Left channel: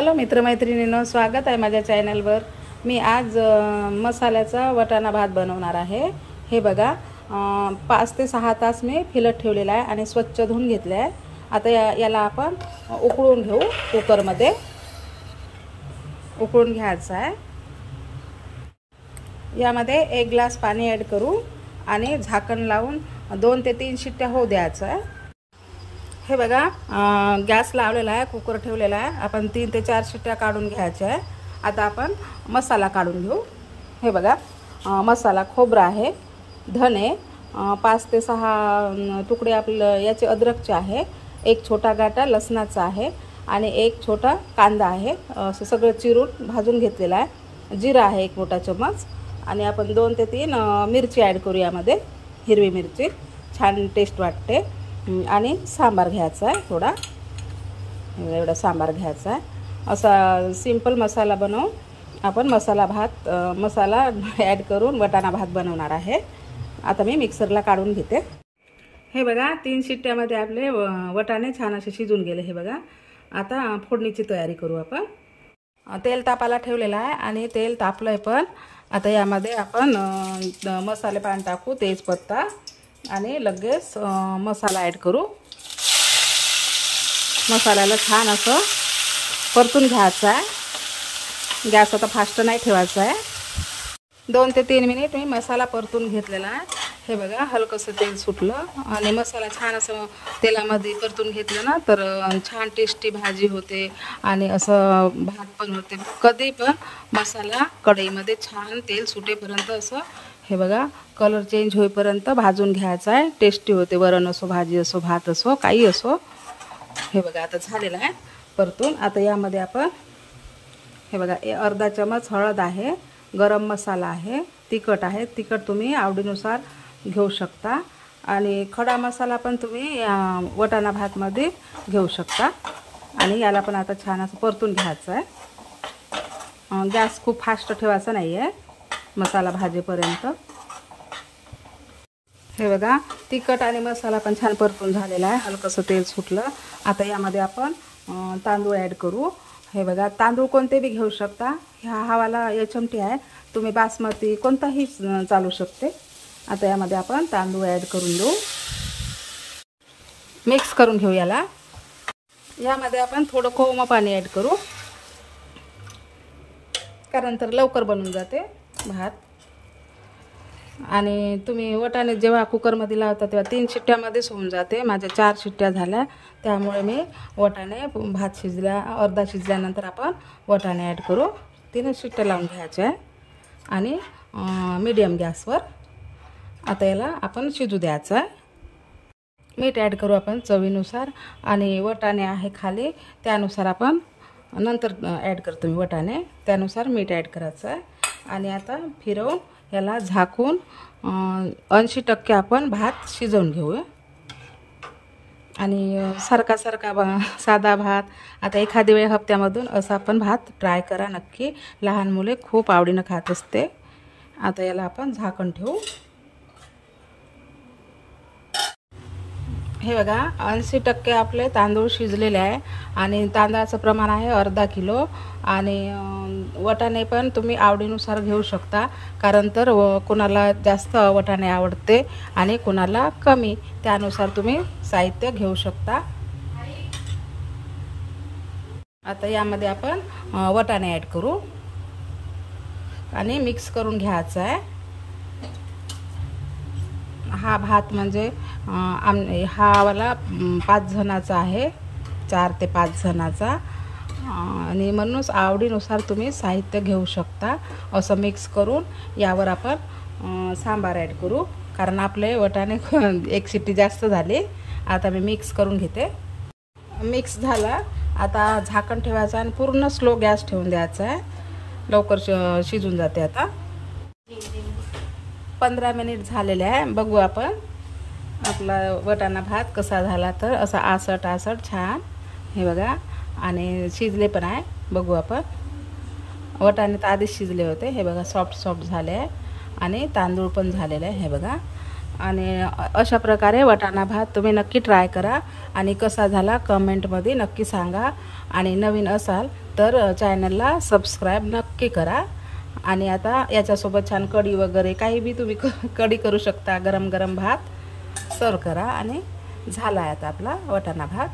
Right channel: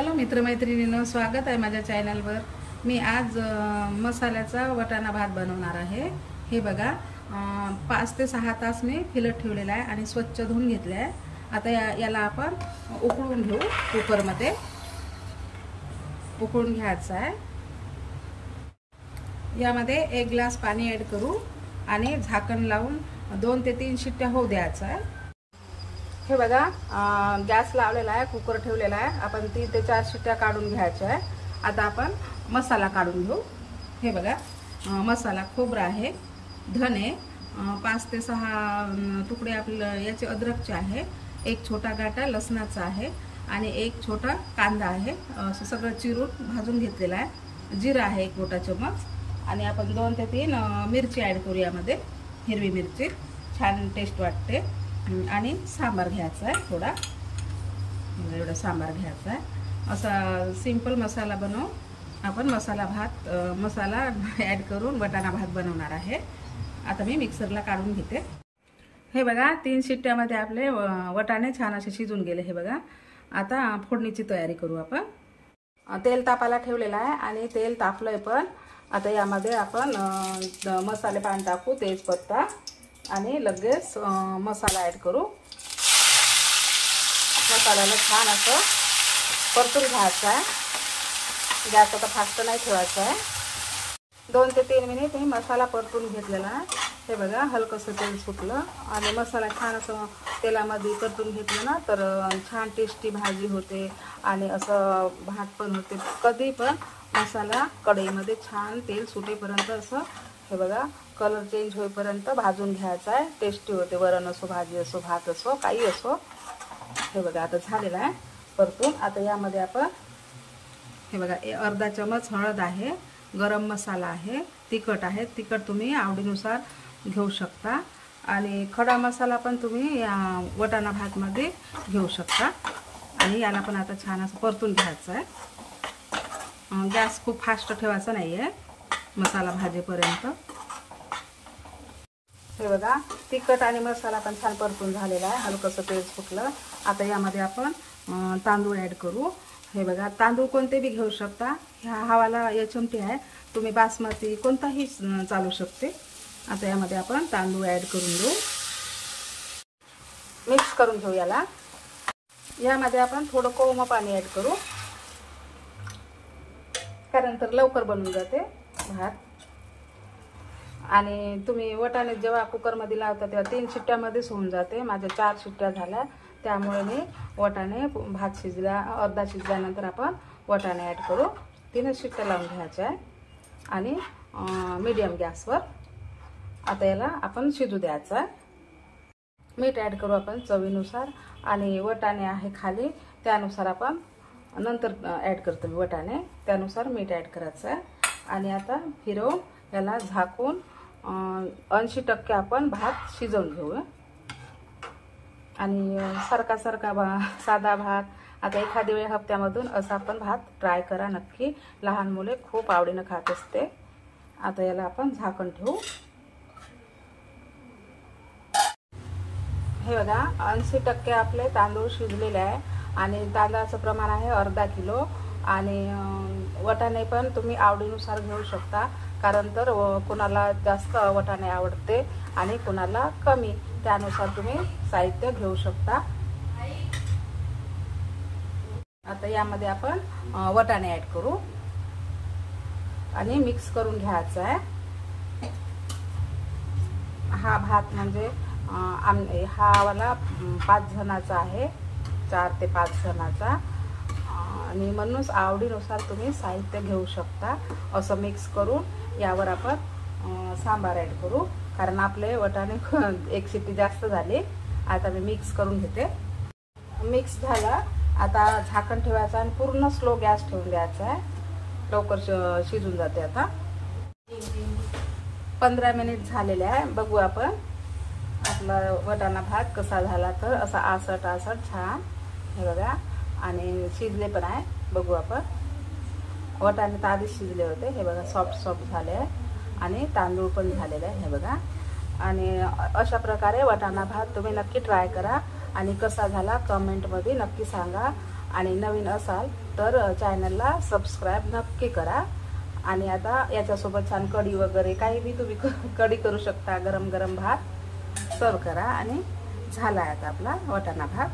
Hello मित्रमैत्रिणींनो, स्वागत आहे माझ्या चॅनलवर। मी आज मसाल्याचा वटाणा भात बनवणार आहे। हे बघा, 5 ते 6 तास मी फिलत ठेवलेला आहे आणि स्वच्छ धुवून घेतले आहे। आता याला आपण उकळून घेऊ। कुकरमध्ये उकळून घ्यायचं आहे। यामध्ये 1 ग्लास पाणी ॲड करू आणि झाकण लावून 2 ते 3 शिट्ट्या होऊ द्यायचं आहे। हे बघा, गॅस लावलेला आहे, कुकर ठेवलेला आहे। आपण 3 ते 4 शिट्ट्या काढून घ्यायच्या आहे। आता आपण मसाला काढून घेऊ। हे बघा, मसाला खोबरा आहे, धने 5 ते 6 तुकडे आपलं याचे अद्रकचे आहे, 1 छोटा गाठा लसणाचा आहे आणि 1 छोटा कांदा आहे। असं सगळं चिरून भाजून घेतलेला आहे। जिरा आहे 1 मोठा चमच आणि आपण 2 ते 3 मिरची ॲड करू यामध्ये, हिरवी मिरची, छान टेस्ट वाटते। आणि सांबार घ्यायचा आहे, थोडा एवढा सांबार घ्यायचा आहे। असा सिंपल मसाला बनवून आपण मसाला ॲड करून वटाणा भात बनवणार आहे। आता मी मिक्सरला काढून घेते। हे बघा, 3 शिट्ट्यामध्ये आपले वटाणे छान असे शिजून गेले। हे बघा, आता फोडणीची तयारी करू आपण। तेल तापायला ठेवलेलं आहे आणि तेल तापलंय पण। आता यामध्ये आपण मसाले पान टाकू, तेजपत्ता आणि लगेच मसाला ॲड करू। मसाल्याला छान असं परतून घ्यायचं आहे। गॅस आता फास्ट नाही ठेवायचा आहे। 2 ते 3 मिनिट मी मसाला परतून घेतलेला आहे। हे बघा, हलकंसं तेल सुटलं आणि मसाला छान असं तेलामध्ये परतून घेतलं ना तर छान टेस्टी भाजी होते आणि असं भात पण होते। कधी पण मसाला कढईमध्ये छान तेल सुटेपर्यंत असं हे बघा कलर चेंज होईपर्यंत भाजून घ्यायचा आहे। टेस्टी होते, वरण असो, भाजी असो, भात असो, काही असो। हे बघा, आता झालेलं आहे परतून। आता यामध्ये आपण हे बघा, अर्धा चमच हळद आहे, गरम मसाला आहे, तिखट आहे। तिखट तुम्ही आवडीनुसार घेऊ शकता आणि खडा मसाला पण तुम्ही वटाणा भातमध्ये घेऊ शकता। आणि याला पण आता छान असं परतून घ्यायचं आहे। गॅस खूप फास्ट ठेवायचा नाही आहे मसाला भाजीपर्यंत। हे बघा, तिखट आणि मसाला पण छान परतून झालेला आहे, हलकंसं तेल सुटलं। आता यामध्ये आपण तांदूळ ॲड करू। हे बघा, तांदूळ कोणते बी घेऊ शकता। हा वाला एचएमटी आहे, तुम्ही बासमती कोणताही चालू शकते। आता यामध्ये आपण तांदूळ ॲड करून घेऊ, मिक्स करून घेऊ याला। यामध्ये आपण थोडं कोमट पाणी ॲड करू, कारण तर लवकर बनून जाते भात। आणि तुम्ही वटाणे जेव्हा कुकरमध्ये लावता तेव्हा 3 शिट्ट्यामध्येच होऊन जाते। माझ्या 4 शिट्ट्या झाल्या, त्यामुळे मी वटाणे भात शिजला, अर्धा शिजल्यानंतर आपण वटाणे ॲड करू। 3 शिट्ट्या लावून घ्यायच्या आहे आणि मीडियम गॅसवर आता याला आपण शिजू द्यायचं आहे। मीठ ॲड करू आपण चवीनुसार आणि वटाणे आहे खाली त्यानुसार आपण नंतर ॲड करतो मी वटाणे, त्यानुसार मीठ ॲड करायचं आहे। आणि आता फिरवून याला झाकून 80% आपण भात शिजवून घेऊ। आणि सारखा साधा भात आता एखाद्या वेळ हप्त्यामधून असा आपण भात ट्राय करा नक्की। लहान मुले खूप आवडीनं खात असते। आता याला आपण झाकण ठेवू। हे बघा, 80% आपले तांदूळ शिजलेले आहे आणि तांदळाचं प्रमाण आहे अर्धा किलो। आणि वटाणे पण तुम्ही आवडीनुसार घेऊ शकता, कारण तर कोणाला जास्त वटाणे आवडते आणि कोणाला कमी, त्यानुसार तुम्ही साहित्य घेऊ शकता। आता यामध्ये आपण वटाणे ॲड करू आणि मिक्स करून घ्यायचा आहे। हा भात म्हणजे हा वाला 5 जणांचा आहे, 4 ते 5 जणांचा, आणि म्हणूनच आवडीनुसार तुम्ही साहित्य घेऊ शकता। असं मिक्स करून यावर आपण सांबार ॲड करू, कारण आपले वटाणे 1 शिट्टी जास्त झाली। आता मी मिक्स करून घेते। मिक्स झाला, आता झाकण ठेवायचं आणि पूर्ण स्लो गॅस ठेवून द्यायचा आहे, लवकर शिजून जाते। आता 15 मिनिट झालेले आहे, बघू आपण आपला वटाणा भात कसा झाला। तर असा आसट छान, हे बघा, आणि शिजले पण आहे, बघू आपण। वटाणे तर आधीच शिजले होते, हे बघा सॉफ्ट झाले आहे आणि तांदूळ पण झालेले आहे। हे बघा, आणि अशा प्रकारे वाटाणा भात तुम्ही नक्की ट्राय करा आणि कसा झाला कमेंटमध्ये नक्की सांगा. आणि नवीन असाल तर चॅनलला सबस्क्राईब नक्की करा. आणि आता याच्यासोबत छान कढी वगैरे काही बी तुम्ही कढी करू शकता. गरम गरम भात सर्व करा आणि झाला आहे आता आपला वाटाणा भात.